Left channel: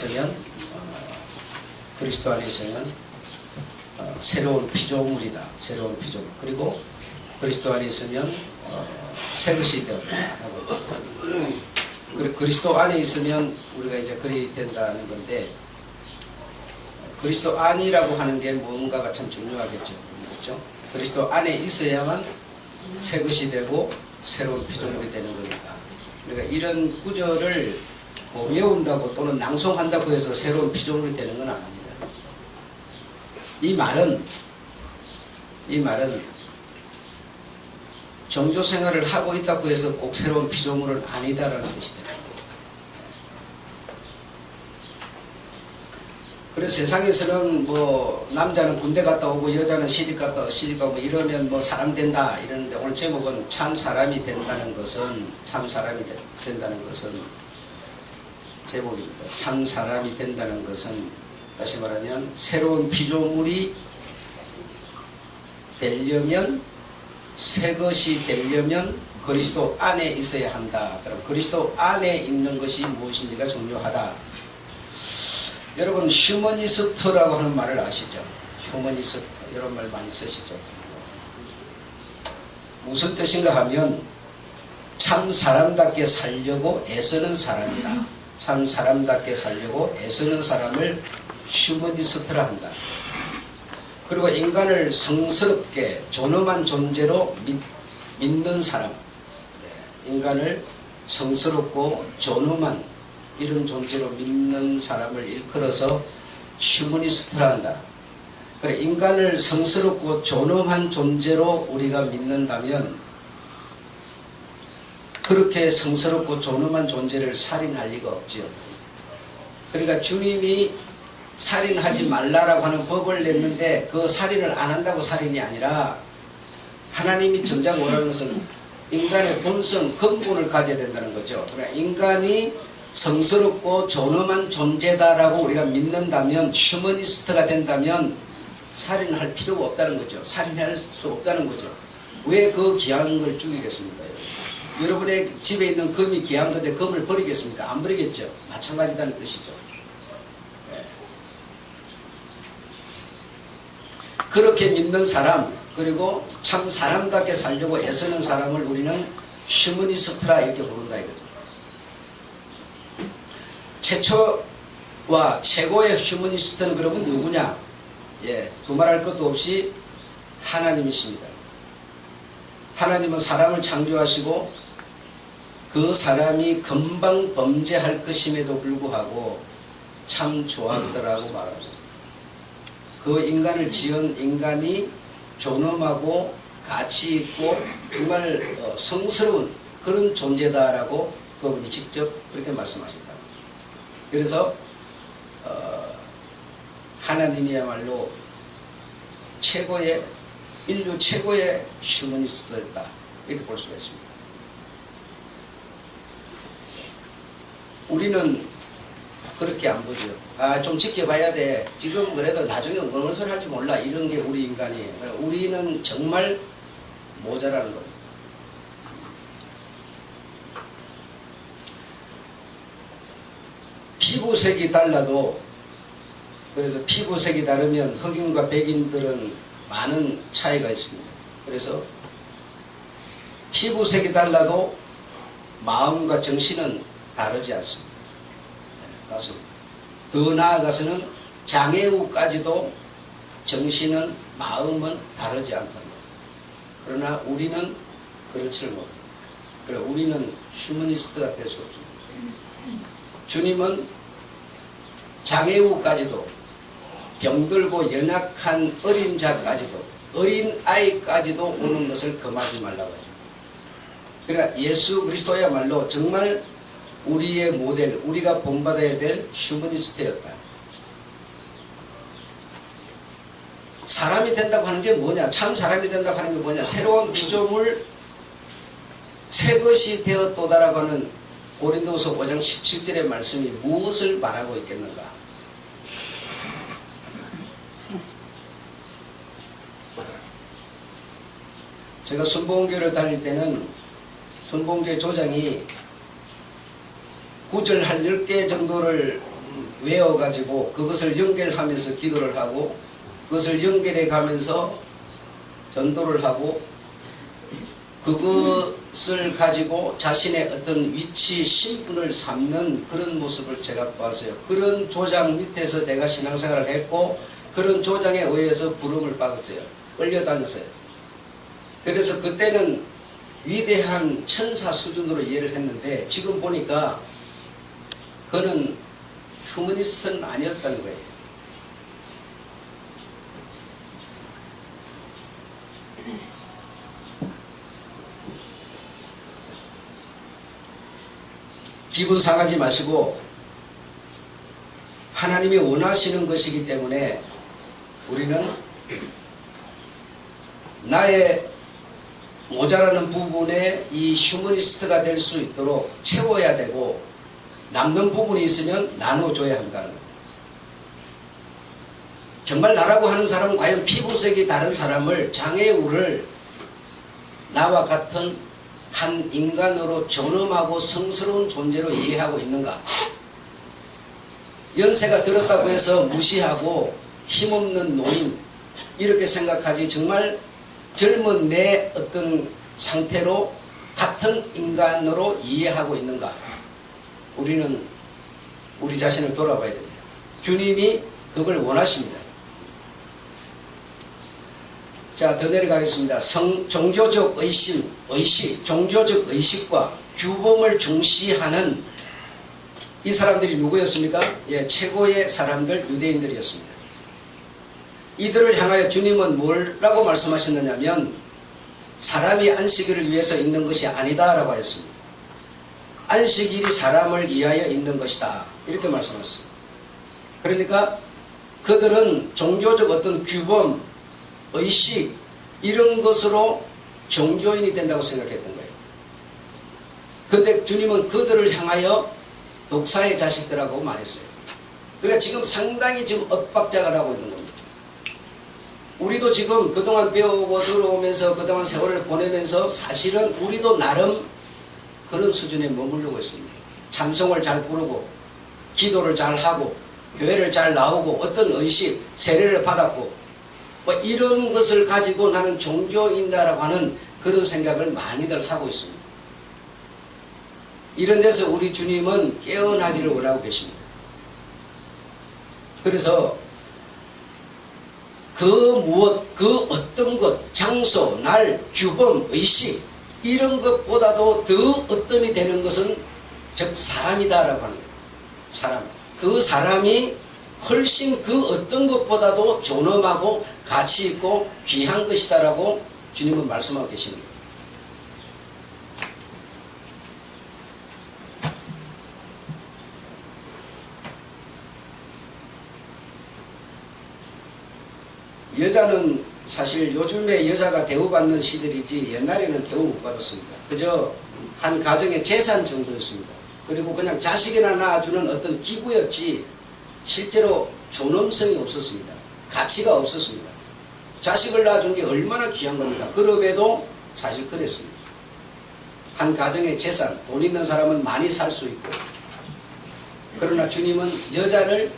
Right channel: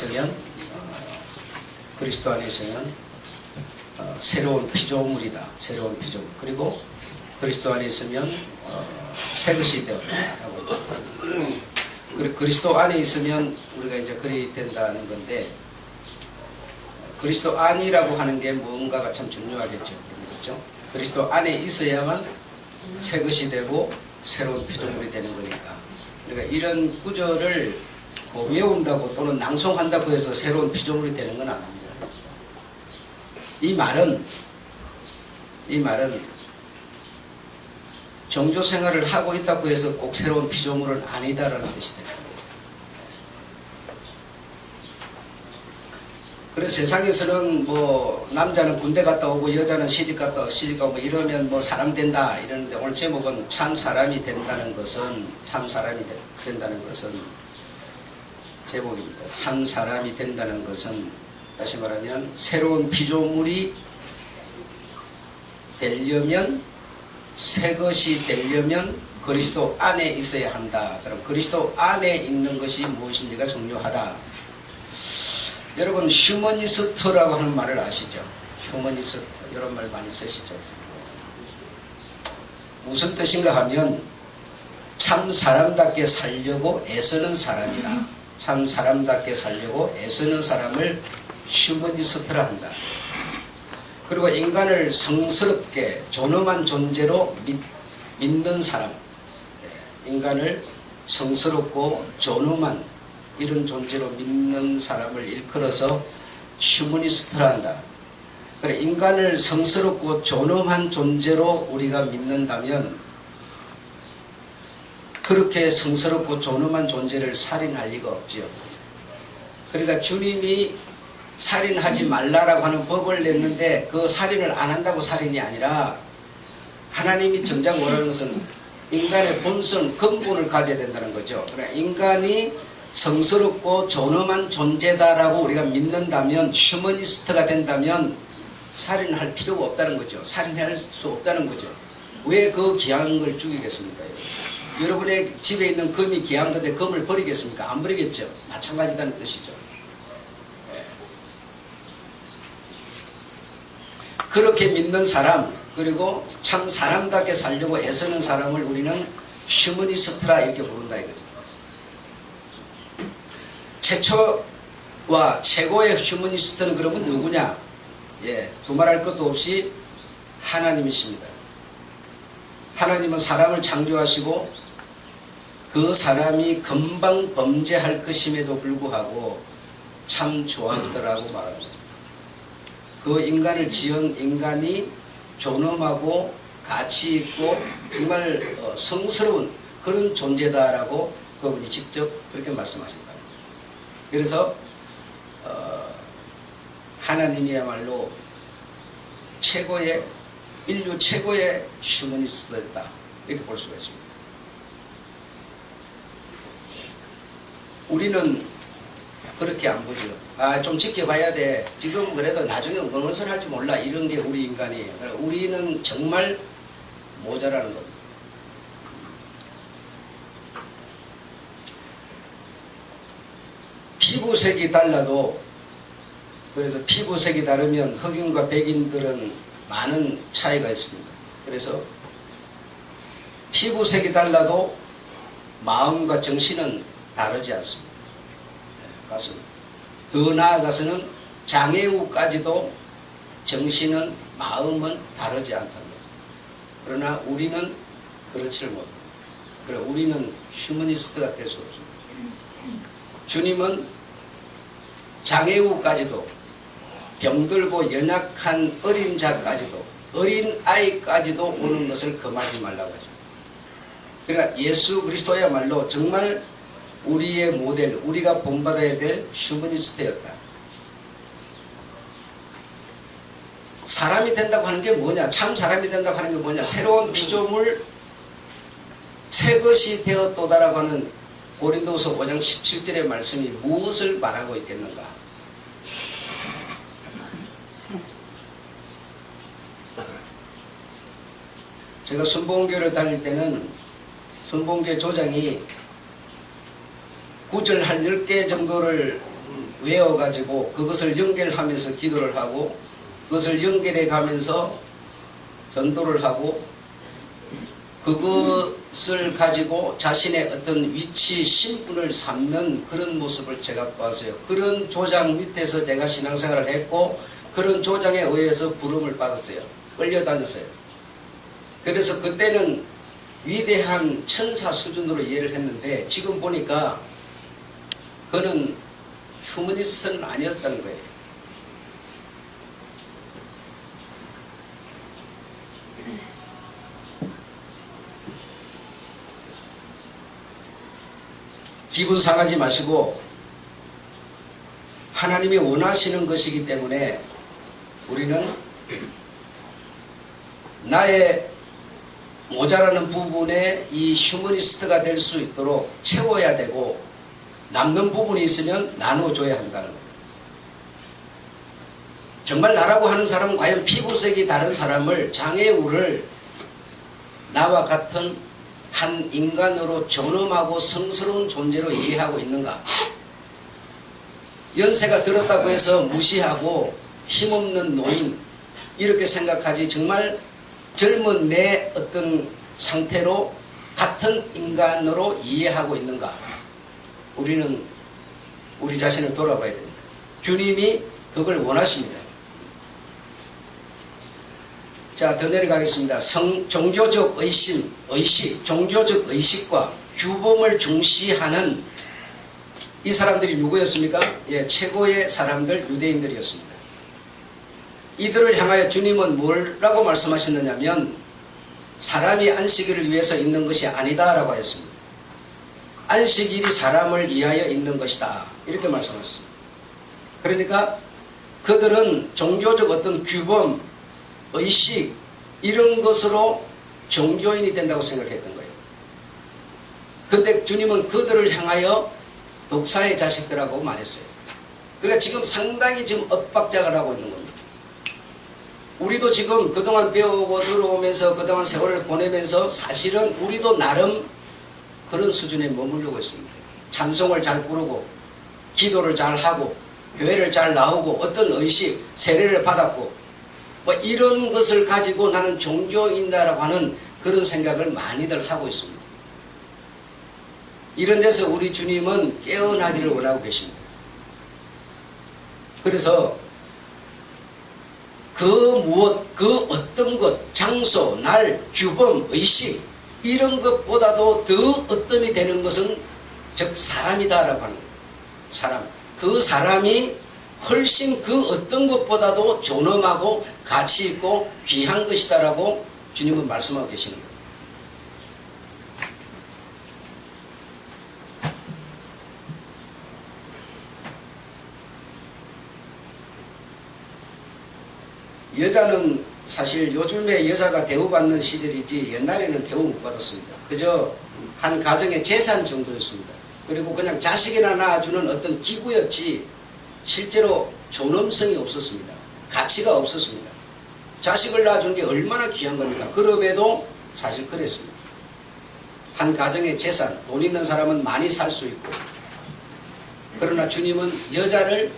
있으면 그리스도 안에 있으면 새로운 피조물이다. 새로운 피조물. 그리고 그리스도 안에 있으면 새 것이 되었다라고. 그리고 그리스도 안에 있으면 우리가 이제 그리 된다는 건데, 그리스도 안이라고 하는 게 뭔가가 참 중요하겠죠. 그렇죠? 그리스도 안에 있어야만 새 것이 되고 새로운 피조물이 되는 거니까. 그러니까 이런 구절을 외운다고 또는 낭송한다고 해서 새로운 피조물이 되는 건 아닙니다. 이 말은 종교 생활을 하고 있다고 해서 꼭 새로운 피조물은 아니다라는 뜻이 됩니다. 그래서 세상에서는 뭐 남자는 군대 갔다 오고 여자는 시집 가고 이러면 뭐 사람 된다 이러는데, 오늘 제목은 참 사람이 된다는 것은 제목입니다. 참 사람이 된다는 것은 다시 말하면 새로운 피조물이 되려면, 새 것이 되려면 그리스도 안에 있어야 한다. 그럼 그리스도 안에 있는 것이 무엇인지가 중요하다. 여러분 휴머니스트라고 하는 말을 아시죠? 휴머니스트 이런 말 많이 쓰시죠? 무슨 뜻인가 하면 참 사람답게 살려고 애쓰는 사람이다. 참 사람답게 살려고 애쓰는 사람을 휴머니스트라 한다. 그리고 인간을 성스럽게 존엄한 존재로 믿는 사람, 인간을 성스럽고 존엄한 이런 존재로 믿는 사람을 일컬어서 휴머니스트라 한다. 그래, 인간을 성스럽고 존엄한 존재로 우리가 믿는다면 그렇게 성스럽고 존엄한 존재를 살인할 리가 없지요. 그러니까 주님이 살인하지 말라라고 하는 법을 냈는데 그 살인을 안 한다고 살인이 아니라, 하나님이 정작 원하는 것은 인간의 본성, 근본을 가져야 된다는 거죠. 그러니까 인간이 성스럽고 존엄한 존재다라고 우리가 믿는다면, 휴머니스트가 된다면 살인할 필요가 없다는 거죠. 살인할 수 없다는 거죠. 왜 그 귀한 걸 죽이겠습니까? 여러분의 집에 있는 금이 귀한 건데 금을 버리겠습니까? 안 버리겠죠. 마찬가지다는 뜻이죠. 그렇게 믿는 사람, 그리고 참 사람답게 살려고 애쓰는 사람을 우리는 휴머니스트라 이렇게 부른다 이거죠. 최초와 최고의 휴머니스트는 그러면 누구냐? 두말할 것도 없이 하나님이십니다. 하나님은 사람을 창조하시고 그 사람이 금방 범죄할 것임에도 불구하고 참 좋았더라고 말합니다. 그 인간을 지은 인간이 존엄하고 가치 있고 정말 성스러운 그런 존재다라고 그분이 직접 그렇게 말씀하신다. 그래서 하나님이야말로 인류 최고의 휴머니스트였다 이렇게 볼 수가 있습니다. 우리는 그렇게 안 보죠. 좀 지켜봐야 돼. 지금 그래도 나중에 어느 소리 할지 몰라. 이런 게 우리 인간이에요. 우리는 정말 모자라는 겁니다. 피부색이 달라도, 그래서 피부색이 다르면 흑인과 백인들은 많은 차이가 있습니다. 그래서 피부색이 달라도 마음과 정신은 다르지 않습니다. 더 나아가서는 장애우까지도 정신은, 마음은 다르지 않답니다. 그러나 우리는 그렇지를 못합니다. 그래서 우리는 휴머니스트가 될 수 없습니다. 주님은 장애우까지도, 병들고 연약한 어린 자까지도, 어린 아이까지도 오는 것을 금하지 말라고 하죠. 그러니까 예수 그리스도야말로 정말 우리의 모델, 우리가 본받아야 될 휴머니스트였다. 사람이 된다고 하는 게 뭐냐? 참 사람이 된다고 하는 게 뭐냐? 새로운 피조물, 새 것이 되었도다라고 하는 고린도서 5장 17절의 말씀이 무엇을 말하고 있겠는가? 제가 순복음교를 다닐 때는 순복음교 조장이 구절 한 10개 정도를 외워가지고 그것을 연결하면서 기도를 하고 그것을 연결해 가면서 전도를 하고 그것을 가지고 자신의 어떤 위치, 신분을 삼는 그런 모습을 제가 봤어요. 그런 조장 밑에서 제가 신앙생활을 했고 그런 조장에 의해서 부름을 받았어요. 끌려다녔어요. 그래서 그때는 위대한 천사 수준으로 이해를 했는데 지금 보니까 그는 휴머니스트는 아니었다는 거예요. 기분 상하지 마시고 하나님이 원하시는 것이기 때문에 우리는 나의 모자라는 부분에 이 휴머니스트가 될 수 있도록 채워야 되고 남는 부분이 있으면 나눠줘야 한다는 거예요. 정말 나라고 하는 사람은 과연 피부색이 다른 사람을 장애우를 나와 같은 한 인간으로 존엄하고 성스러운 존재로 이해하고 있는가? 연세가 들었다고 해서 무시하고 힘없는 노인 이렇게 생각하지 정말 젊은 내 어떤 상태로 같은 인간으로 이해하고 있는가? 우리는 우리 자신을 돌아봐야 됩니다. 주님이 그걸 원하십니다. 자, 더 내려가겠습니다. 종교적 의식, 종교적 의식과 규범을 중시하는 이 사람들이 누구였습니까? 예, 최고의 사람들, 유대인들이었습니다. 이들을 향하여 주님은 뭐라고 말씀하셨느냐면 사람이 안식일을 위해서 있는 것이 아니다라고 했습니다. 안식일이 사람을 위하여 있는 것이다. 이렇게 말씀하셨습니다. 그러니까 그들은 종교적 어떤 규범, 의식 이런 것으로 종교인이 된다고 생각했던 거예요. 그런데 주님은 그들을 향하여 독사의 자식들하고 말했어요. 그러니까 지금 상당히 지금 엇박자가 나고 있는 겁니다. 우리도 지금 그동안 배우고 들어오면서 그동안 세월을 보내면서 사실은 우리도 나름 그런 수준에 머무르고 있습니다. 찬송을 잘 부르고 기도를 잘 하고 교회를 잘 나오고 어떤 의식, 세례를 받았고 뭐 이런 것을 가지고 나는 종교인다라고 하는 그런 생각을 많이들 하고 있습니다. 이런 데서 우리 주님은 깨어나기를 원하고 계십니다. 그래서 그 무엇, 그 어떤 것, 장소, 날, 규범, 의식 이런 것보다도 더 어떤이 되는 것은 즉 사람이다라고 하는 거예요. 사람. 그 사람이 훨씬 그 어떤 것보다도 존엄하고 가치 있고 귀한 것이다라고 주님은 말씀하고 계시는 거예요. 여자는 사실 요즘에 여자가 대우받는 시절이지 옛날에는 대우 못 받았습니다. 그저 한 가정의 재산 정도였습니다. 그리고 그냥 자식이나 낳아주는 어떤 기구였지 실제로 존엄성이 없었습니다. 가치가 없었습니다. 자식을 낳아준 게 얼마나 귀한 겁니까? 그럼에도 사실 그랬습니다. 한 가정의 재산, 돈 있는 사람은 많이 살 수 있고 그러나 주님은 여자를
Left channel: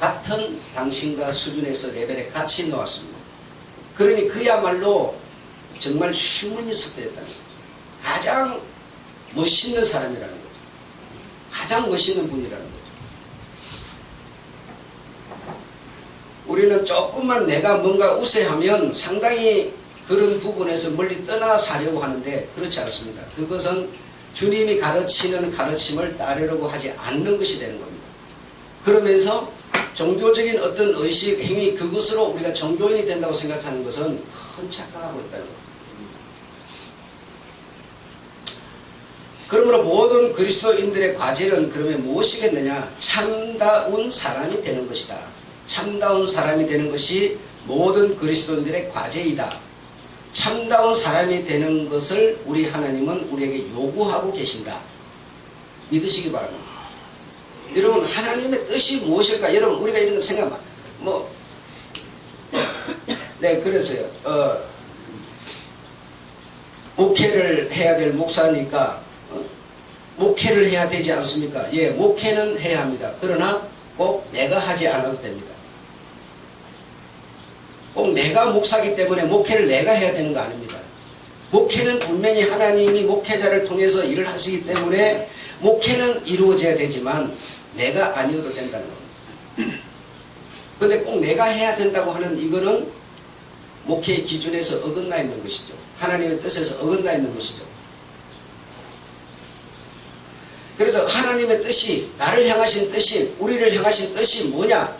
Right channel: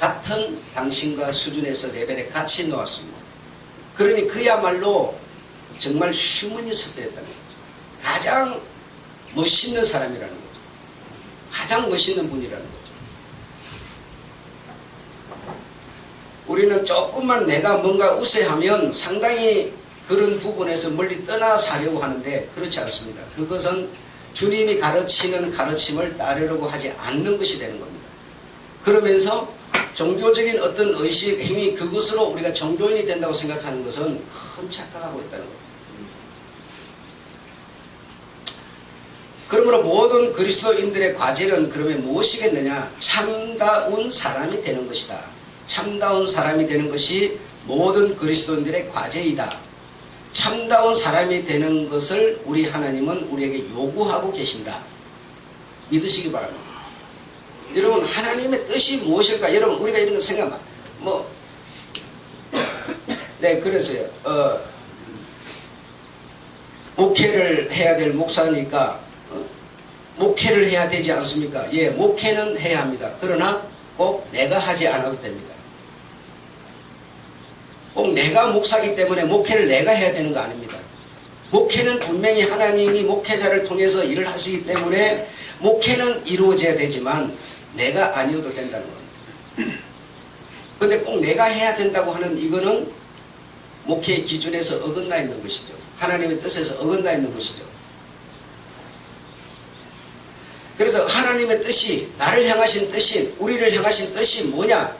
같은 당신과 수준에서 레벨에 같이 놓았습니다. 그러니 그야말로 정말 휴머니스트였다는 거죠. 가장 멋있는 사람이라는 거죠. 가장 멋있는 분이라는 거죠. 우리는 조금만 내가 뭔가 우세하면 상당히 그런 부분에서 멀리 떠나 사려고 하는데 그렇지 않습니다. 그것은 주님이 가르치는 가르침을 따르려고 하지 않는 것이 되는 겁니다. 그러면서 종교적인 어떤 의식, 행위 그것으로 우리가 종교인이 된다고 생각하는 것은 큰 착각하고 있다는 겁니다. 그러므로 모든 그리스도인들의 과제는 그러면 무엇이겠느냐? 참다운 사람이 되는 것이다. 참다운 사람이 되는 것이 모든 그리스도인들의 과제이다. 참다운 사람이 되는 것을 우리 하나님은 우리에게 요구하고 계신다. 믿으시기 바랍니다. 여러분 하나님의 뜻이 무엇일까? 여러분 우리가 이런 거 생각만 네 그래서요 목회를 해야 될 목사니까 목회를 해야 되지 않습니까? 예, 목회는 해야 합니다. 그러나 꼭 내가 하지 않아도 됩니다. 꼭 내가 목사기 때문에 목회를 내가 해야 되는 거 아닙니다. 목회는 분명히 하나님이 목회자를 통해서 일을 하시기 때문에 목회는 이루어져야 되지만 내가 아니어도 된다는 겁니다. 그런데 꼭 내가 해야 된다고 하는 이거는 목회의 기준에서 어긋나 있는 것이죠. 하나님의 뜻에서 어긋나 있는 것이죠. 그래서 하나님의 뜻이, 나를 향하신 뜻이, 우리를 향하신 뜻이 뭐냐?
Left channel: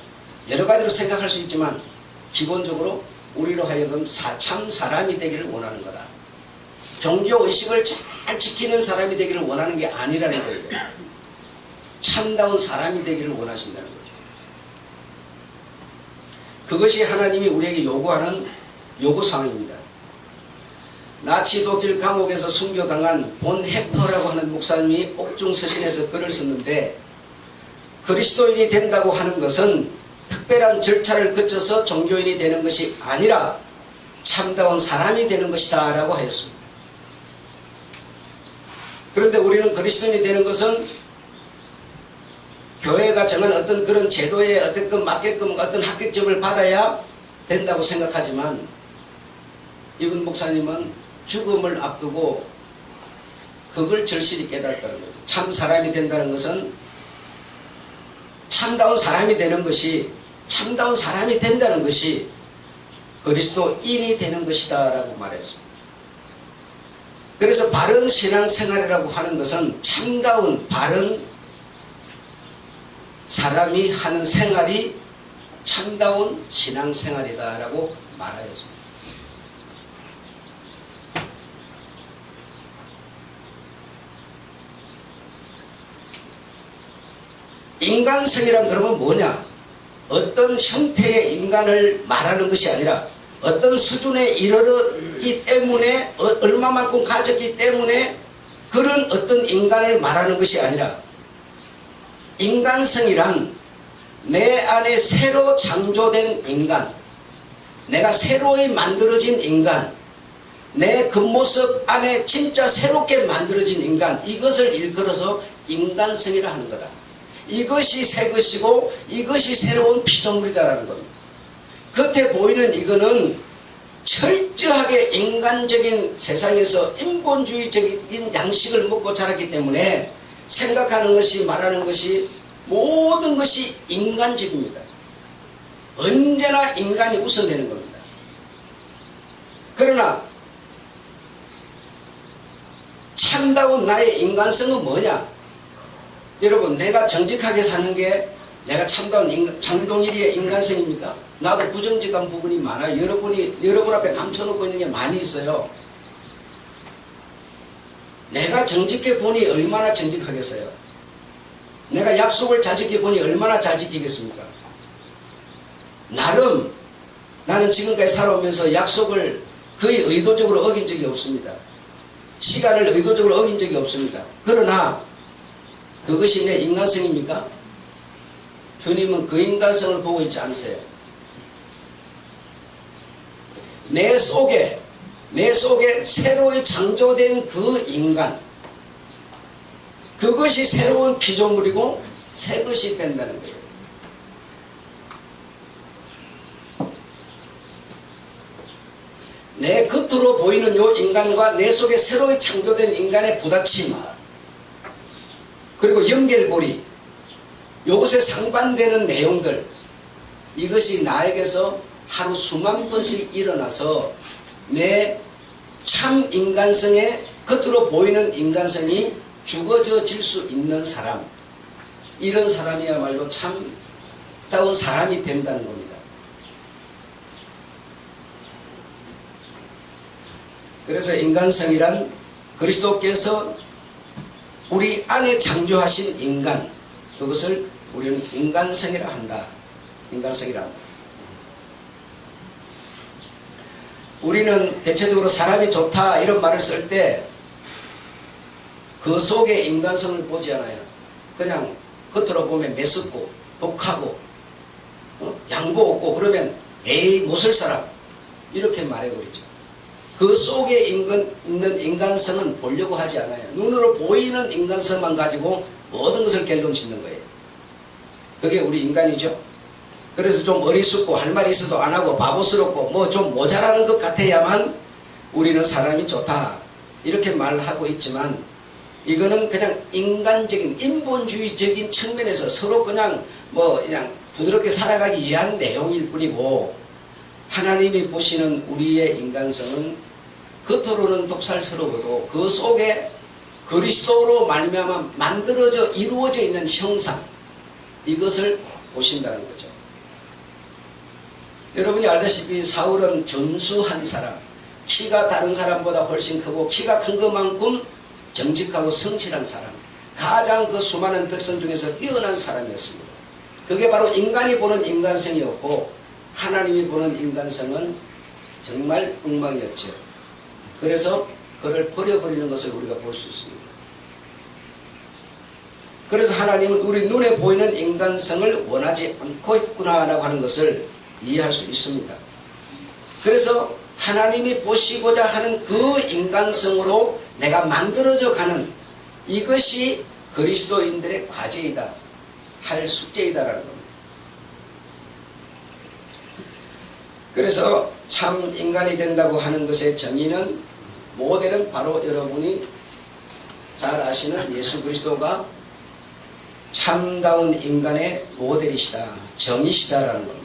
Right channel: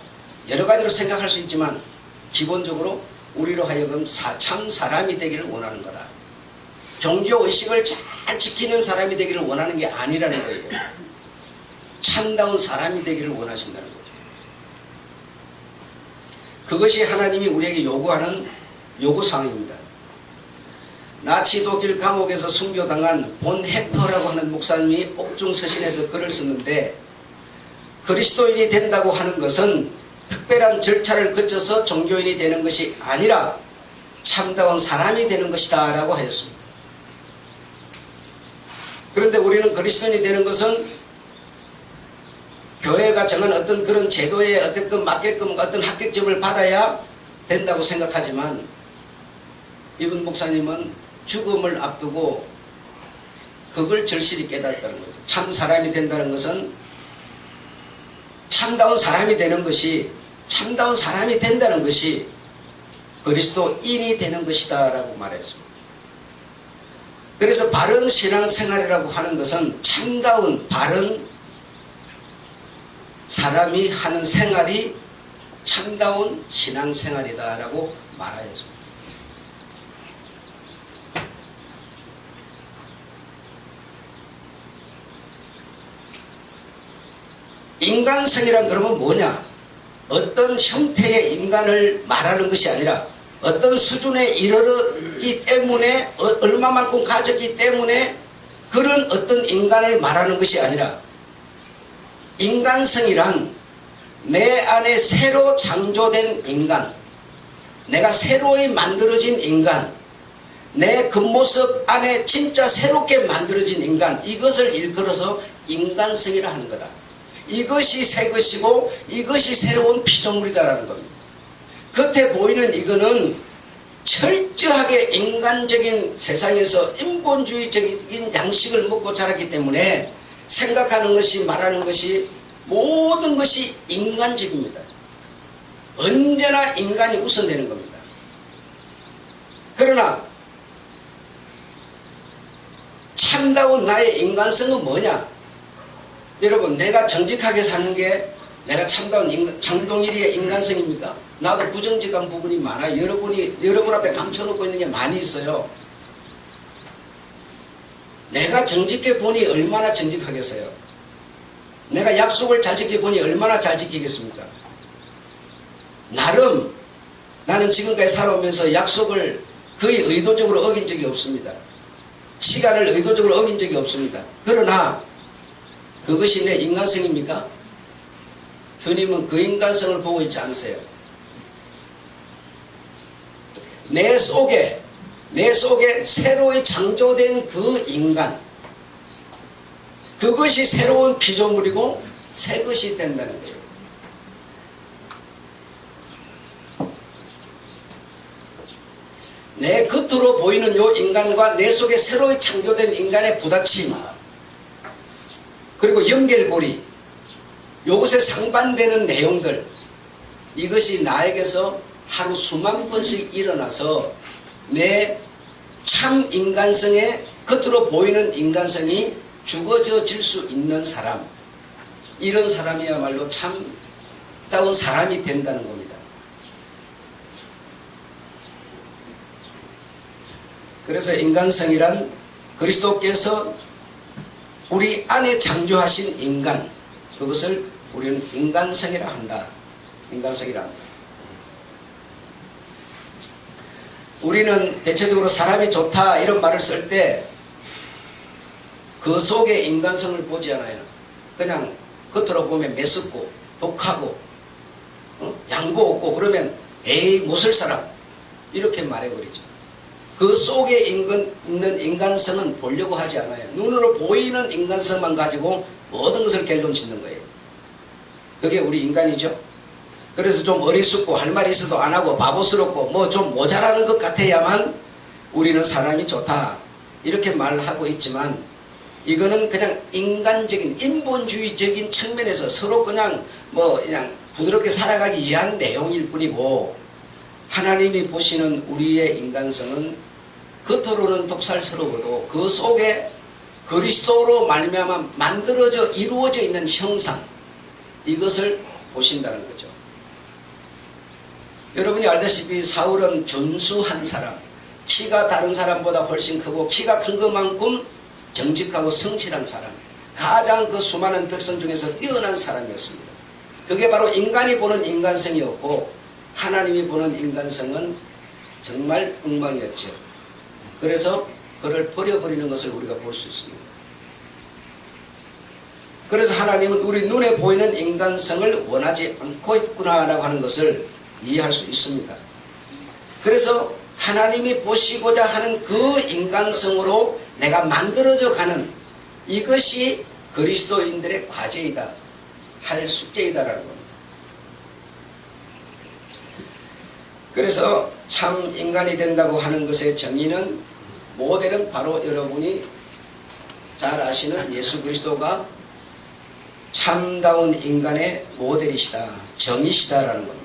여러 가지로 생각할 수 있지만 기본적으로 우리로 하여금 참 사람이 되기를 원하는 거다. 종교의식을 잘 지키는 사람이 되기를 원하는 게 아니라는 거예요. 참다운 사람이 되기를 원하신다는 거죠. 그것이 하나님이 우리에게 요구하는 요구사항입니다. 나치 독일 감옥에서 순교당한 본 해퍼라고 하는 목사님이 옥중서신에서 글을 썼는데, 그리스도인이 된다고 하는 것은 특별한 절차를 거쳐서 종교인이 되는 것이 아니라 참다운 사람이 되는 것이다 라고 하였습니다. 그런데 우리는 그리스도인이 되는 것은 교회가 정한 어떤 그런 제도에 어떻게 맞게끔 어떤 합격점을 받아야 된다고 생각하지만, 이분 목사님은 죽음을 앞두고 그걸 절실히 깨달았다는 거죠. 참 사람이 된다는 것은 참다운 사람이 되는 것이, 참다운 사람이 된다는 것이 그리스도인이 되는 것이다 라고 말했습니다. 그래서 바른 신앙생활이라고 하는 것은 참다운 바른 사람이 하는 생활이 참다운 신앙생활이다 라고 말하였습니다. 인간성이란 그러면 뭐냐? 어떤 형태의 인간을 말하는 것이 아니라 어떤 수준에 이르렀기 때문에 얼마만큼 가졌기 때문에 그런 어떤 인간을 말하는 것이 아니라, 인간성이란 내 안에 새로 창조된 인간, 내가 새로이 만들어진 인간, 내 겉모습 안에 진짜 새롭게 만들어진 인간, 이것을 일컬어서 인간성이라 하는 거다. 이것이 새 것이고 이것이 새로운 피조물이다라는 겁니다. 겉에 보이는 이거는 철저하게 인간적인 세상에서 인본주의적인 양식을 먹고 자랐기 때문에 생각하는 것이, 말하는 것이, 모든 것이 인간적입니다. 언제나 인간이 우선되는 겁니다. 그러나 참다운 나의 인간성은 뭐냐? 여러분, 내가 정직하게 사는 게 내가 참다운 장동일이의 인간성입니까? 나도 부정직한 부분이 많아요. 여러분 앞에 감춰놓고 있는 게 많이 있어요. 내가 정직해 보니 얼마나 정직하겠어요? 내가 약속을 잘 지켜보니 얼마나 잘 지키겠습니까? 나름 나는 지금까지 살아오면서 약속을 거의 의도적으로 어긴 적이 없습니다. 시간을 의도적으로 어긴 적이 없습니다. 그러나 그것이 내 인간성입니까? 주님은 그 인간성을 보고 있지 않으세요. 내 속에 새로이 창조된 그 인간, 그것이 새로운 피조물이고 새 것이 된다는 거예요. 내 겉으로 보이는 요 인간과 내 속에 새로이 창조된 인간의 부딪힘, 그리고 연결고리, 요것에 상반되는 내용들, 이것이 나에게서 하루 수만 번씩 일어나서 내 참 인간성에, 겉으로 보이는 인간성이 죽어질 수 있는 사람, 이런 사람이야말로 참다운 사람이 된다는 겁니다. 그래서 인간성이란 그리스도께서 우리 안에 창조하신 인간, 그것을 우리는 인간성이라 한다. 인간성이라 한다. 우리는 대체적으로 사람이 좋다 이런 말을 쓸 때 그 속에 인간성을 보지 않아요. 그냥 겉으로 보면 매섭고 독하고 양보 없고 그러면 에이 못쓸 사람 이렇게 말해버리죠. 그 속에 있는 인간성은 보려고 하지 않아요. 눈으로 보이는 인간성만 가지고 모든 것을 결론 짓는 거예요. 그게 우리 인간이죠. 그래서 좀 어리숙고 할 말이 있어도 안 하고 바보스럽고 뭐 좀 모자라는 것 같아야만 우리는 사람이 좋다 이렇게 말하고 있지만, 이거는 그냥 인간적인 인본주의적인 측면에서 서로 그냥 부드럽게 살아가기 위한 내용일 뿐이고, 하나님이 보시는 우리의 인간성은 겉으로는 독살스러워도 그 속에 그리스도로 말미암아 만들어져 이루어져 있는 형상, 이것을 보신다는 거죠. 여러분이 알다시피 사울은 준수한 사람, 키가 다른 사람보다 훨씬 크고 키가 큰 것만큼 정직하고 성실한 사람, 가장 그 수많은 백성 중에서 뛰어난 사람이었습니다. 그게 바로 인간이 보는 인간성이었고, 하나님이 보는 인간성은 정말 엉망이었죠. 그래서 그를 버려버리는 것을 우리가 볼 수 있습니다. 그래서 하나님은 우리 눈에 보이는 인간성을 원하지 않고 있구나라고 하는 것을 이해할 수 있습니다. 그래서 하나님이 보시고자 하는 그 인간성으로 내가 만들어져 가는 이것이 그리스도인들의 과제이다, 할 숙제이다라는 겁니다. 그래서 참 인간이 된다고 하는 것의 정의는, 모델은 바로 여러분이 잘 아시는 예수 그리스도가 참다운 인간의 모델이시다, 정의시다라는 겁니다.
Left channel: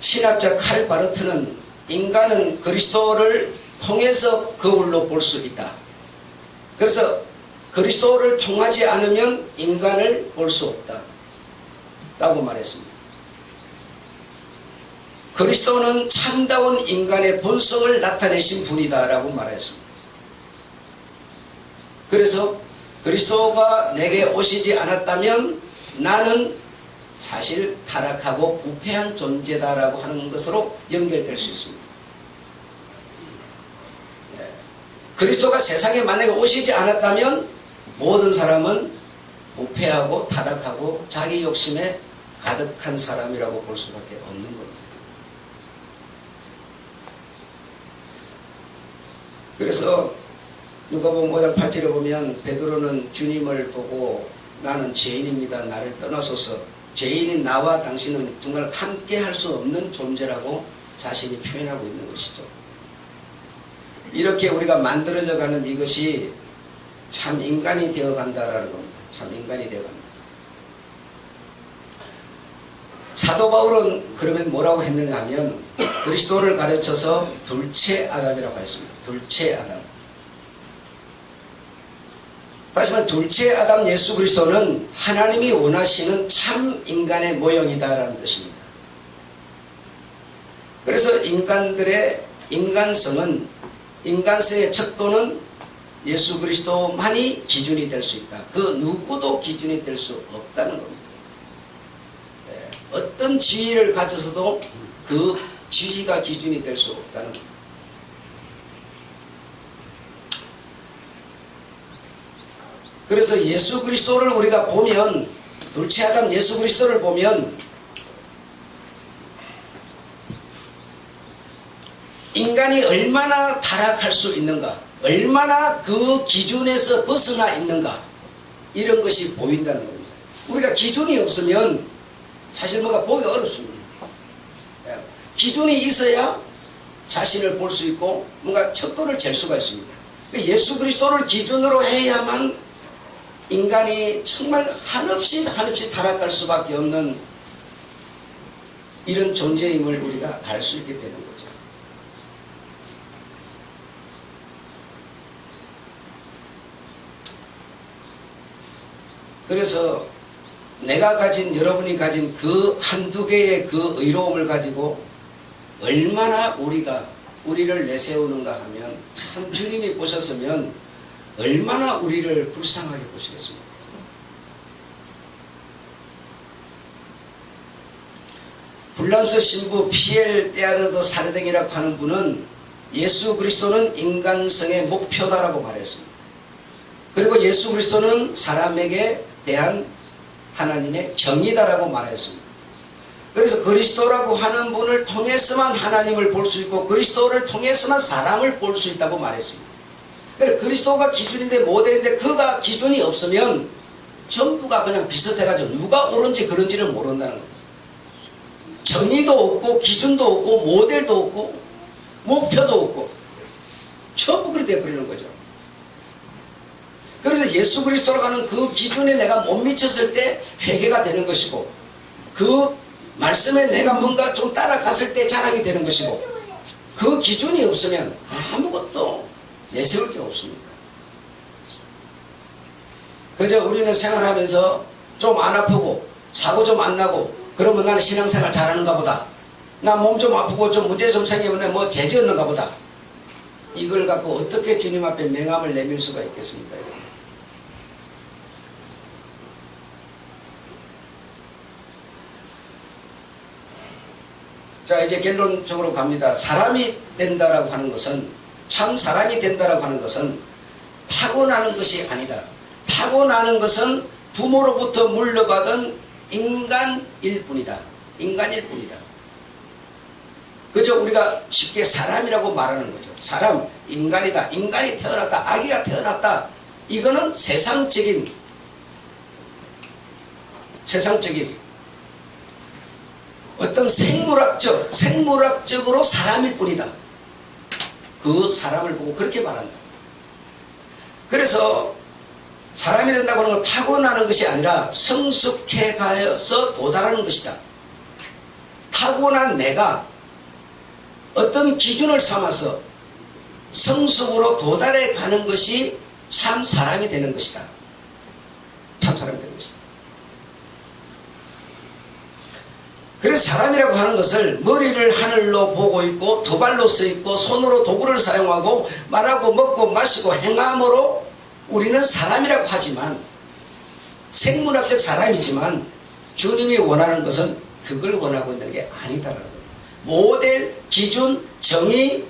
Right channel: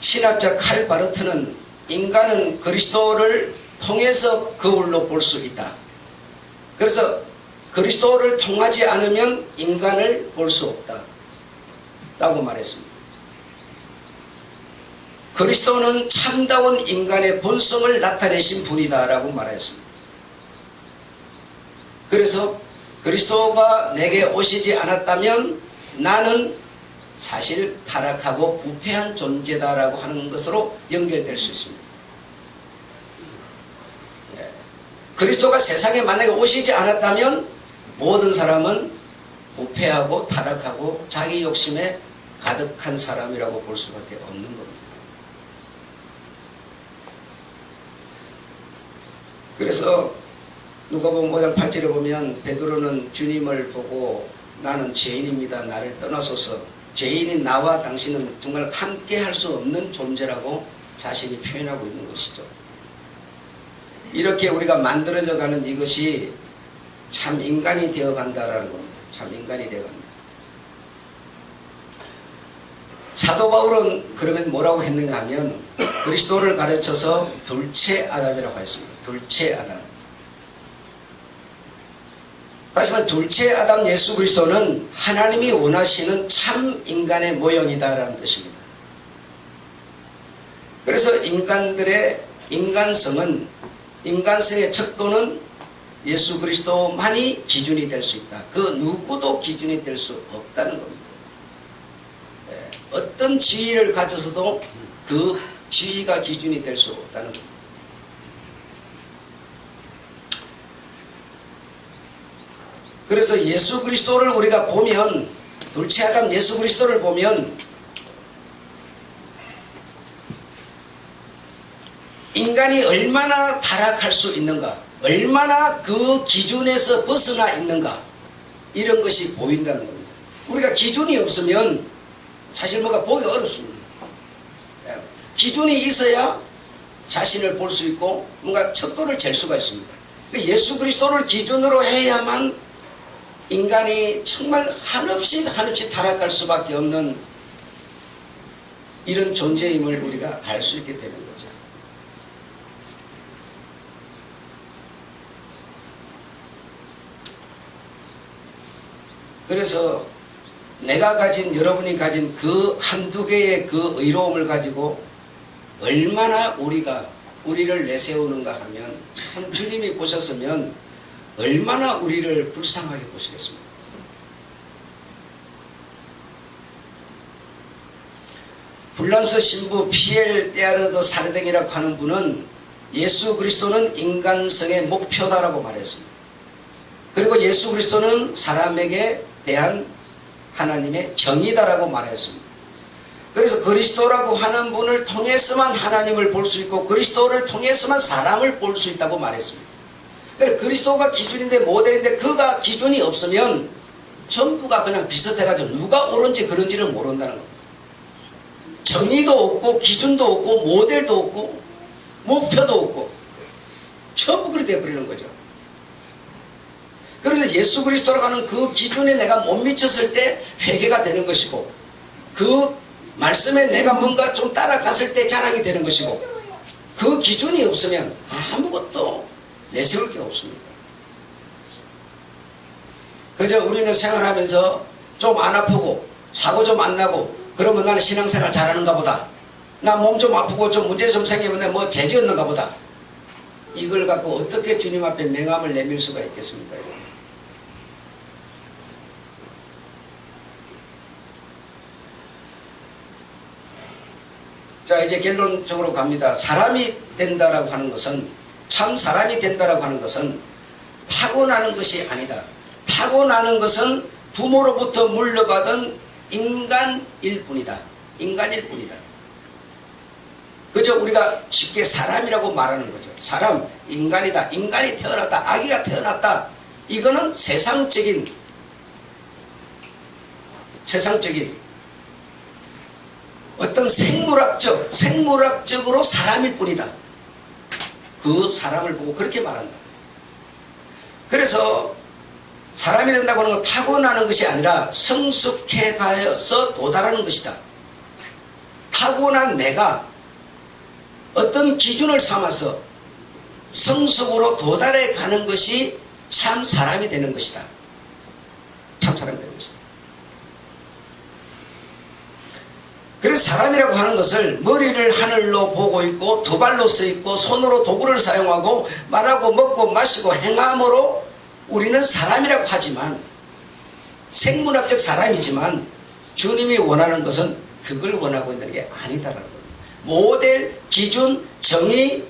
신학자 칼 바르트는 인간은 그리스도를 통해서 거울로 볼 수 있다. 그래서 그리스도를 통하지 않으면 인간을 볼 수 없다 라고 말했습니다. 그리스도는 참다운 인간의 본성을 나타내신 분이다 라고 말했습니다. 그래서 그리스도가 내게 오시지 않았다면 나는 사실 타락하고 부패한 존재다라고 하는 것으로 연결될 수 있습니다. 그리스도가 세상에 만약에 오시지 않았다면 모든 사람은 부패하고 타락하고 자기 욕심에 가득한 사람이라고 볼 수밖에 없는 겁니다. 그래서 누가복음 5장 8절에 보면 베드로는 주님을 보고 나는 죄인입니다, 나를 떠나소서, 죄인인 나와 당신은 정말 함께 할 수 없는 존재라고 자신이 표현하고 있는 것이죠. 이렇게 우리가 만들어져 가는 이것이 참 인간이 되어 간다라는 겁니다. 참 인간이 되어 간다. 사도 바울은 그러면 뭐라고 했느냐 하면, 그리스도를 가르쳐서 둘째 아담이라고 했습니다. 둘째 아담. 다시 말해 둘째 아담 예수 그리스도는 하나님이 원하시는 참 인간의 모형이다라는 뜻입니다. 그래서 인간들의 인간성은, 인간성의 척도는 예수 그리스도만이 기준이 될 수 있다. 그 누구도 기준이 될 수 없다는 겁니다. 어떤 지위를 가져서도 그 지위가 기준이 될 수 없다는 겁니다. 그래서 예수 그리스도를 우리가 보면, 둘째 아담 예수 그리스도를 보면 인간이 얼마나 타락할 수 있는가, 얼마나 그 기준에서 벗어나 있는가, 이런 것이 보인다는 겁니다. 우리가 기준이 없으면 사실 뭐가 보기 어렵습니다. 기준이 있어야 자신을 볼 수 있고 뭔가 척도를 잴 수가 있습니다. 예수 그리스도를 기준으로 해야만 인간이 정말 한없이 타락할 수밖에 없는 이런 존재임을 우리가 알 수 있게 되는 거죠. 그래서 내가 가진, 여러분이 가진 그 한두 개의 그 의로움을 가지고 얼마나 우리를 내세우는가 하면, 참 주님이 보셨으면 얼마나 우리를 불쌍하게 보시겠습니까? 불란서 신부 피엘 테아르드 사르댕이라고 하는 분은 예수 그리스도는 인간성의 목표다라고 말했습니다. 그리고 예수 그리스도는 사람에게 대한 하나님의 정의다라고 말했습니다. 그래서 그리스도라고 하는 분을 통해서만 하나님을 볼 수 있고 그리스도를 통해서만 사람을 볼 수 있다고 말했습니다. 그래서 그리스도가 기준인데 모델인데 그가 기준이 없으면 전부가 그냥 비슷해가지고 누가 옳은지 그런지를 모른다는 겁니다. 정의도 없고 기준도 없고 모델도 없고 목표도 없고 전부 그렇게 돼버리는 거죠. 그래서 예수 그리스도로 가는 그 기준에 내가 못 미쳤을 때 회개가 되는 것이고, 그 말씀에 내가 뭔가 좀 따라갔을 때 자랑이 되는 것이고, 그 기준이 없으면 아무것도 내세울 게 없습니다. 그저 우리는 생활하면서 좀 안 아프고 사고 좀 안 나고 그러면 나는 신앙생활 잘하는가 보다, 나 몸 좀 아프고 좀 문제 좀 생기면 뭐 죄 없는가 보다, 이걸 갖고 어떻게 주님 앞에 명함을 내밀 수가 있겠습니까? 자, 이제 결론적으로 갑니다. 사람이 된다라고 하는 것은, 참 사람이 된다라고 하는 것은 타고나는 것이 아니다. 타고나는 것은 부모로부터 물려받은 인간일 뿐이다. 인간일 뿐이다. 그저 우리가 쉽게 사람이라고 말하는 거죠. 사람, 인간이다. 인간이 태어났다. 아기가 태어났다. 이거는 세상적인 어떤 생물학적으로 사람일 뿐이다. 그 사람을 보고 그렇게 말한다. 그래서 사람이 된다고 하는 건 타고나는 것이 아니라 성숙해 가서 도달하는 것이다. 타고난 내가 어떤 기준을 삼아서 성숙으로 도달해 가는 것이 참 사람이 되는 것이다. 참 사람이 되는 것이다. 그래서 사람이라고 하는 것을 머리를 하늘로 보고 있고 두 발로 서 있고 손으로 도구를 사용하고 말하고 먹고 마시고 행함으로 우리는 사람이라고 하지만, 생물학적 사람이지만 주님이 원하는 것은 그걸 원하고 있는 게 아니다라는 겁니다. 모델, 기준, 정의,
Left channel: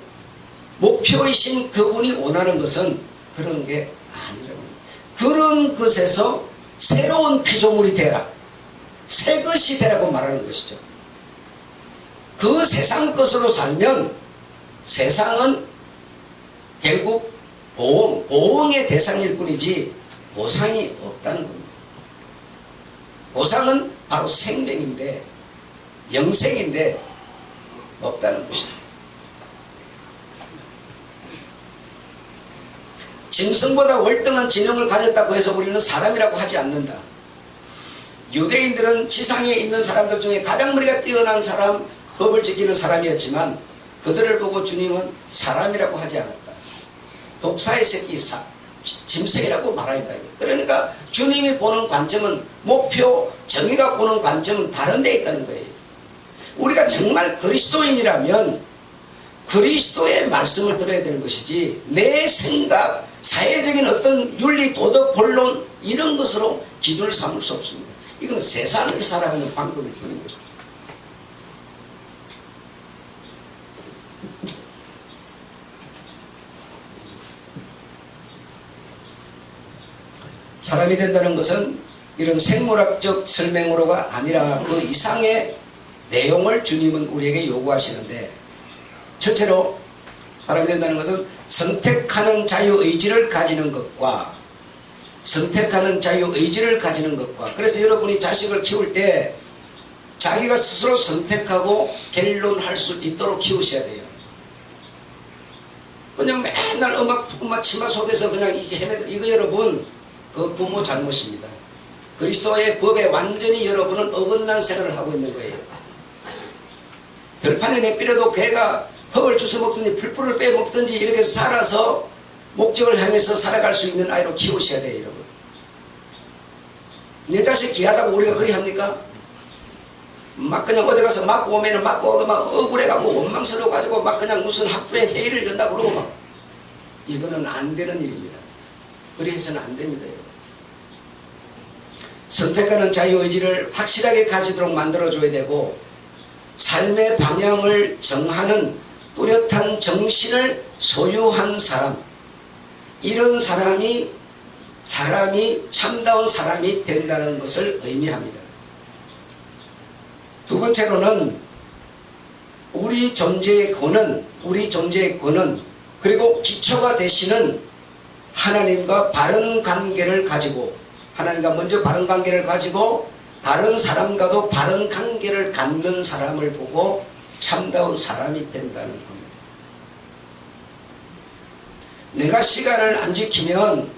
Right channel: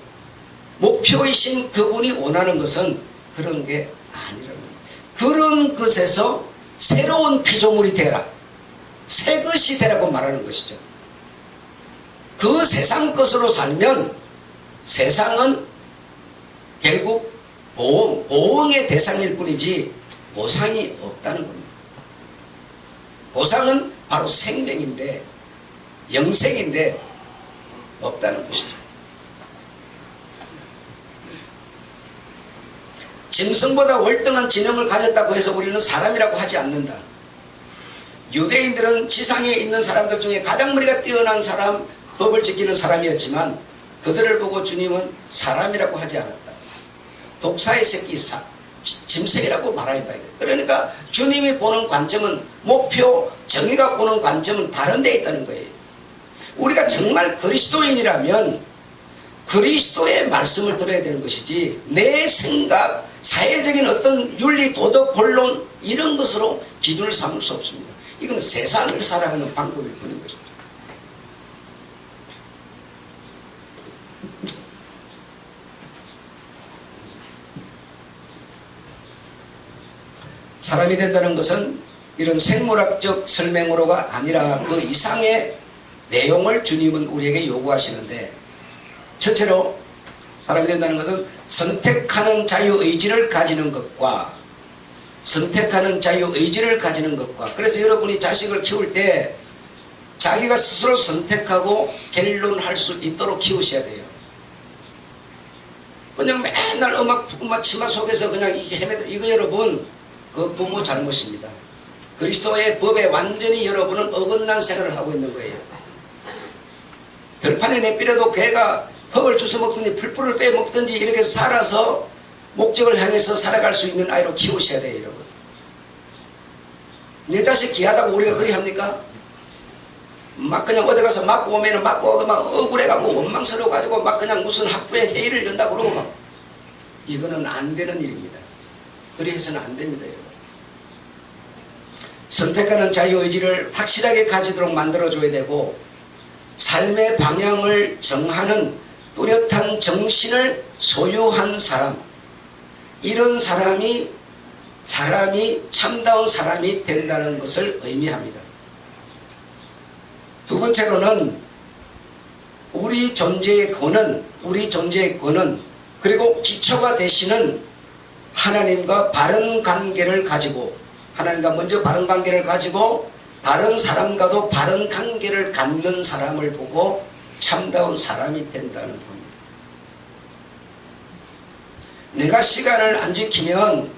목표이신 그분이 원하는 것은 그런 게 아니라는 겁니다. 그런 것에서 새로운 피조물이 되라, 새 것이 되라고 말하는 것이죠. 그 세상 것으로 살면 세상은 결국 보응의 대상일 뿐이지 보상이 없다는 겁니다. 보상은 바로 생명인데, 영생인데 없다는 것이죠. 짐승보다 월등한 지능을 가졌다고 해서 우리는 사람이라고 하지 않는다. 유대인들은 지상에 있는 사람들 중에 가장 머리가 뛰어난 사람, 법을 지키는 사람이었지만 그들을 보고 주님은 사람이라고 하지 않았다. 독사의 새끼, 짐승이라고 말하였다. 그러니까 주님이 보는 관점은, 목표, 정의가 보는 관점은 다른 데 있다는 거예요. 우리가 정말 그리스도인이라면 그리스도의 말씀을 들어야 되는 것이지, 내 생각, 사회적인 어떤 윤리, 도덕, 본론 이런 것으로 기준을 삼을 수 없습니다. 이건 세상을 살아가는 방법일 뿐인 것입니다. 사람이 된다는 것은 이런 생물학적 설명으로가 아니라 그 이상의 내용을 주님은 우리에게 요구하시는데, 첫째로 사람이 된다는 것은 선택하는 자유의지를 가지는 것과, 그래서 여러분이 자식을 키울 때 자기가 스스로 선택하고 결론할 수 있도록 키우셔야 돼요. 그냥 맨날 엄마 치마 속에서 그냥 이게 헤매들, 이거 여러분 그 부모 잘못입니다. 그리스도의 법에 완전히 여러분은 어긋난 생활을 하고 있는 거예요. 들판에 내버려도 개가 흙을 주워 먹든지 풀뿌를 빼먹든지 이렇게 살아서 목적을 향해서 살아갈 수 있는 아이로 키우셔야 돼요, 여러분. 내 자식 귀하다고 우리가 그리 합니까? 막 그냥 어디 가서 맞고 오면은 맞고 막 억울해가고 원망스러워가지고 막 그냥 무슨 학부에 회의를 연다고 그러고 막. 이거는 안 되는 일입니다. 그리 해서는 안 됩니다, 여러분. 선택하는 자유의지를 확실하게 가지도록 만들어줘야 되고, 삶의 방향을 정하는 뚜렷한 정신을 소유한 사람, 이런 사람이 참다운 사람이 된다는 것을 의미합니다. 두 번째로는 우리 존재의 근원, 그리고 기초가 되시는 하나님과 바른 관계를 가지고 하나님과 먼저 바른 관계를 가지고 다른 사람과도 바른 관계를 갖는 사람을 보고 참다운 사람이 된다는 겁니다. 내가 시간을 안 지키면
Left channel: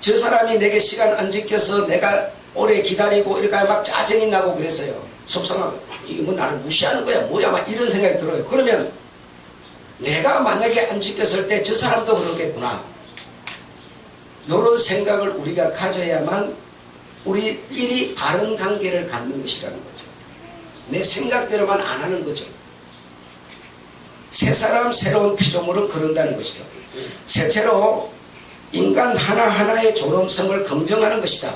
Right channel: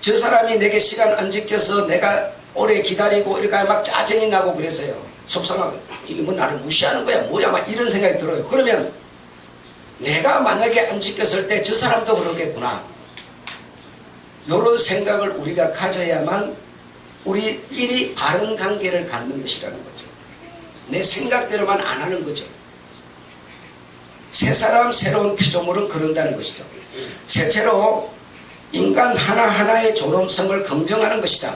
저 사람이 내게 시간 안 지켜서 내가 오래 기다리고 이렇게 막 짜증이 나고 그랬어요. 속상하고 이게 뭐 나를 무시하는 거야 뭐야 막 이런 생각이 들어요. 그러면 내가 만약에 안 지켰을 때 저 사람도 그러겠구나. 이런 생각을 우리가 가져야만 우리끼리 바른 관계를 갖는 것이라는 거죠. 내 생각대로만 안 하는 거죠. 새 사람 새로운 피조물은 그런다는 것이죠. 셋째로 인간 하나하나의 존엄성을 긍정하는 것이다.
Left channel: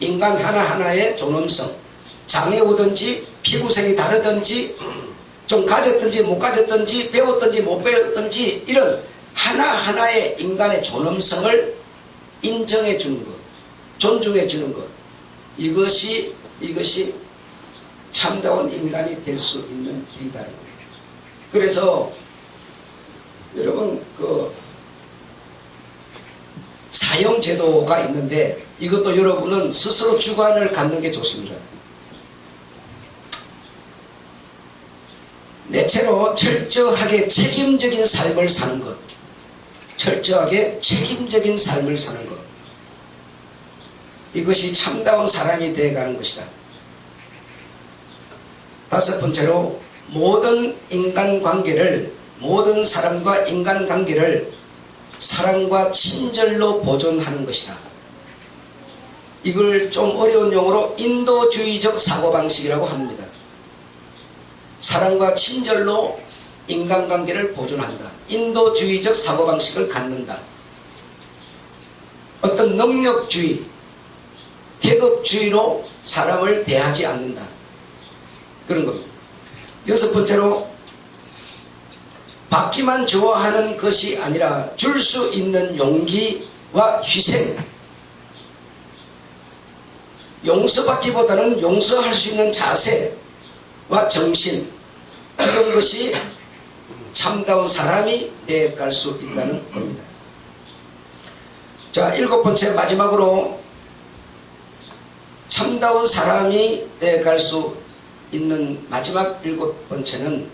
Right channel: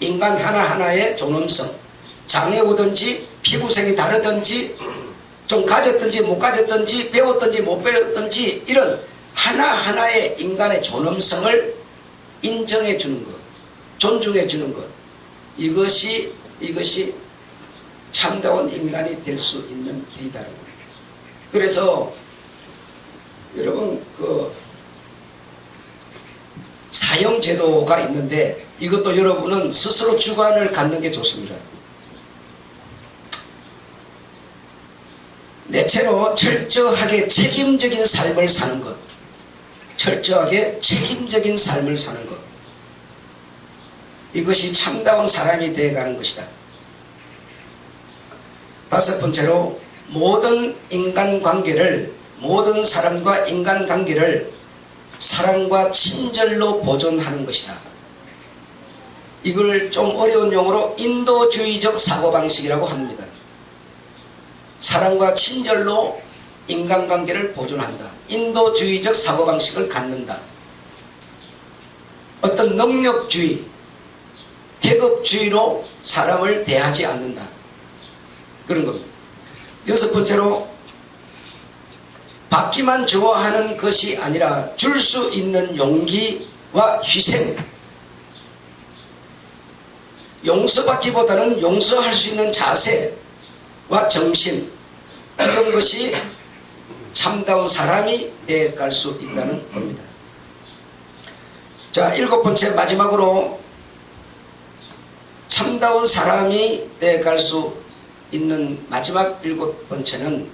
인간 하나하나의 존엄성, 장애 오든지 피부색이 다르든지 좀 가졌든지 못 가졌든지 배웠든지 못 배웠든지 이런 하나하나의 인간의 존엄성을 인정해 주는 것, 존중해 주는 것, 이것이 참다운 인간이 될 수 있는 길이다는 거예요. 그래서 여러분 사형제도가 있는데 이것도 여러분은 스스로 주관을 갖는 게 좋습니다. 넷째로 철저하게 책임적인 삶을 사는 것. 철저하게 책임적인 삶을 사는 것. 이것이 참다운 사람이 되어가는 것이다. 다섯 번째로 모든 사람과 인간관계를 사랑과 친절로 보존하는 것이다. 이걸 좀 어려운 용어로 인도주의적 사고방식이라고 합니다. 사랑과 친절로 인간관계를 보존한다. 인도주의적 사고방식을 갖는다. 어떤 능력주의, 계급주의로 사람을 대하지 않는다. 그런 겁니다. 여섯 번째로 받기만 좋아하는 것이 아니라 줄 수 있는 용기와 희생, 용서받기보다는 용서할 수 있는 자세와 정신, 이런 것이 참다운 사람이 되어갈 수 있다는 겁니다. 자, 일곱 번째 마지막으로 참다운 사람이 되어갈 수 있는 마지막 일곱 번째는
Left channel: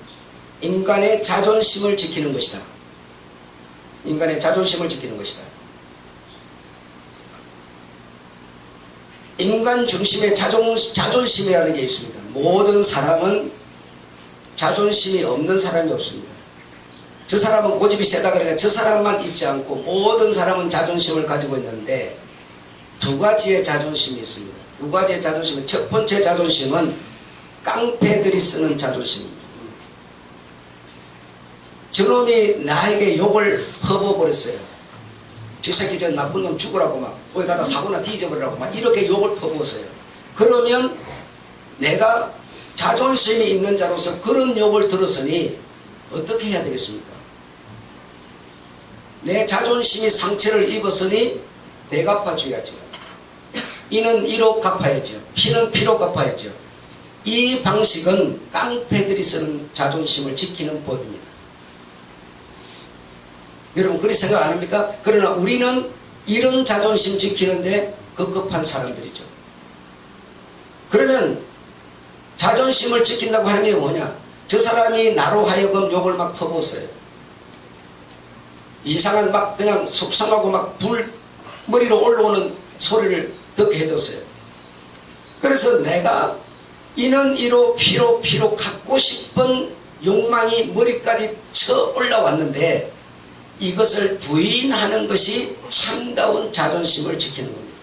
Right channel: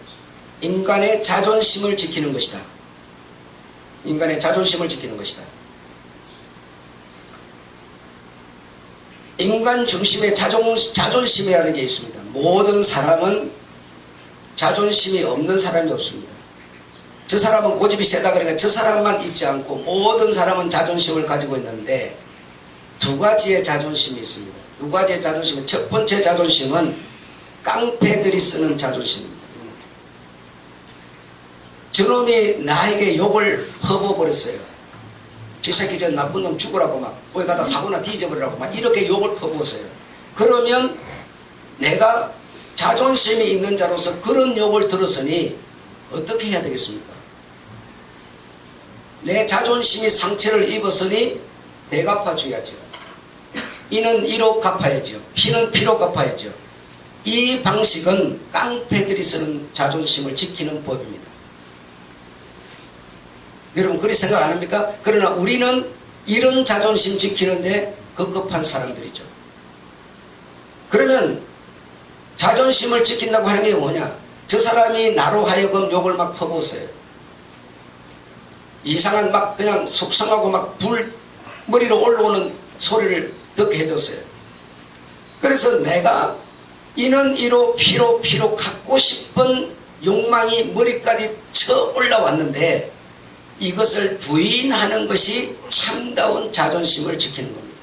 인간의 자존심을 지키는 것이다. 인간의 자존심을 지키는 것이다. 인간 중심의 자존심이라는 게 있습니다. 모든 사람은 자존심이 없는 사람이 없습니다. 저 사람은 고집이 세다 그러니까 저 사람만 있지 않고 모든 사람은 자존심을 가지고 있는데 두 가지의 자존심이 있습니다. 두 가지의 자존심은, 첫 번째 자존심은 깡패들이 쓰는 자존심입니다. 저놈이 나에게 욕을 퍼부어버렸어요. 저 새끼 저 나쁜 놈 죽으라고 막 거기 가다 사고나 뒤져버리라고 막 이렇게 욕을 퍼부었어요. 그러면 내가 자존심이 있는 자로서 그런 욕을 들었으니 어떻게 해야 되겠습니까? 내 자존심이 상처를 입었으니 대갚아 줘야죠. 이는 이로 갚아야죠. 피는 피로 갚아야죠. 이 방식은 깡패들이 쓰는 자존심을 지키는 법입니다. 여러분 그렇게 생각 안 합니까? 그러나 우리는 이런 자존심 지키는데 급급한 사람들이죠. 그러면 자존심을 지킨다고 하는 게 뭐냐? 저 사람이 나로 하여금 욕을 막 퍼부었어요. 이상한 막 그냥 속상하고 막 머리로 올라오는 소리를 듣게 해줬어요. 그래서 내가 이는 이로 피로 갖고 싶은 욕망이 머리까지 쳐 올라왔는데 이것을 부인하는 것이 참다운 자존심을 지키는 겁니다.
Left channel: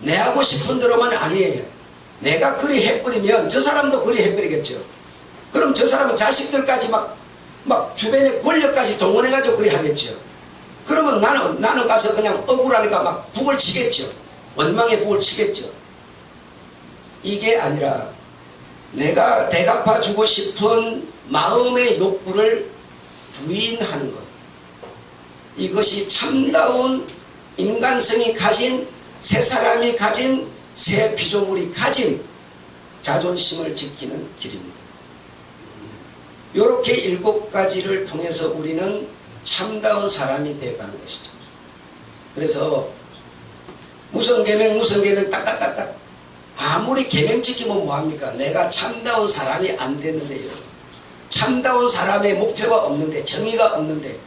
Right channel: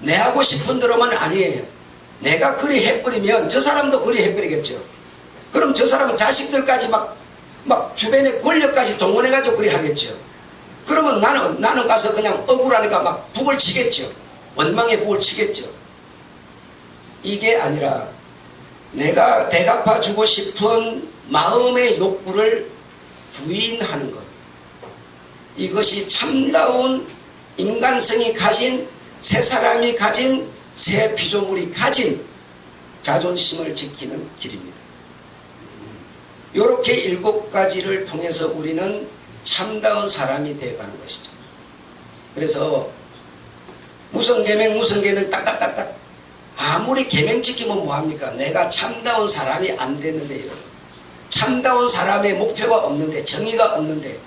내 하고 싶은 대로만 아니에요. 내가 그리 해버리면 저 사람도 그리 해버리겠죠. 그럼 저 사람은 자식들까지 막 주변의 권력까지 동원해가지고 그리 하겠죠. 그러면 나는 가서 그냥 억울하니까 막 북을 치겠죠. 원망의 북을 치겠죠. 이게 아니라 내가 대갚아주고 싶은 마음의 욕구를 부인하는 것. 이것이 참다운 인간성이 가진, 새 사람이 가진, 새 피조물이 가진 자존심을 지키는 길입니다. 이렇게 7가지를 통해서 우리는 참다운 사람이 되어가는 것이죠. 그래서 무슨 계명 딱딱딱딱 아무리 계명 지키면 뭐합니까? 내가 참다운 사람이 안 되는데요. 참다운 사람의 목표가 없는데, 정의가 없는데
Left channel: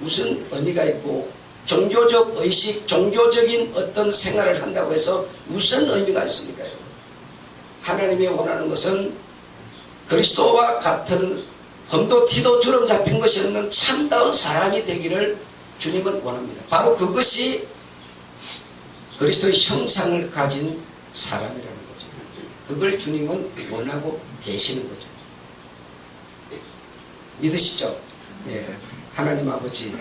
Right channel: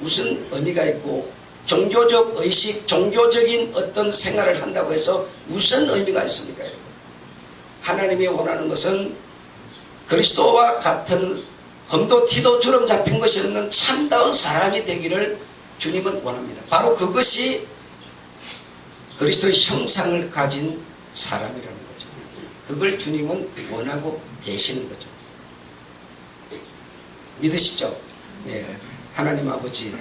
무슨 의미가 있고, 종교적 의식, 종교적인 어떤 생활을 한다고 해서 무슨 의미가 있습니까, 여러분? 하나님이 원하는 것은 그리스도와 같은 검도 티도 주름 잡힌 것이 없는 참다운 사람이 되기를 주님은 원합니다. 바로 그것이 그리스도의 형상을 가진 사람이라는 거죠. 그걸 주님은 원하고 계시는 거죠. 믿으시죠? 예. 하나님 아버지,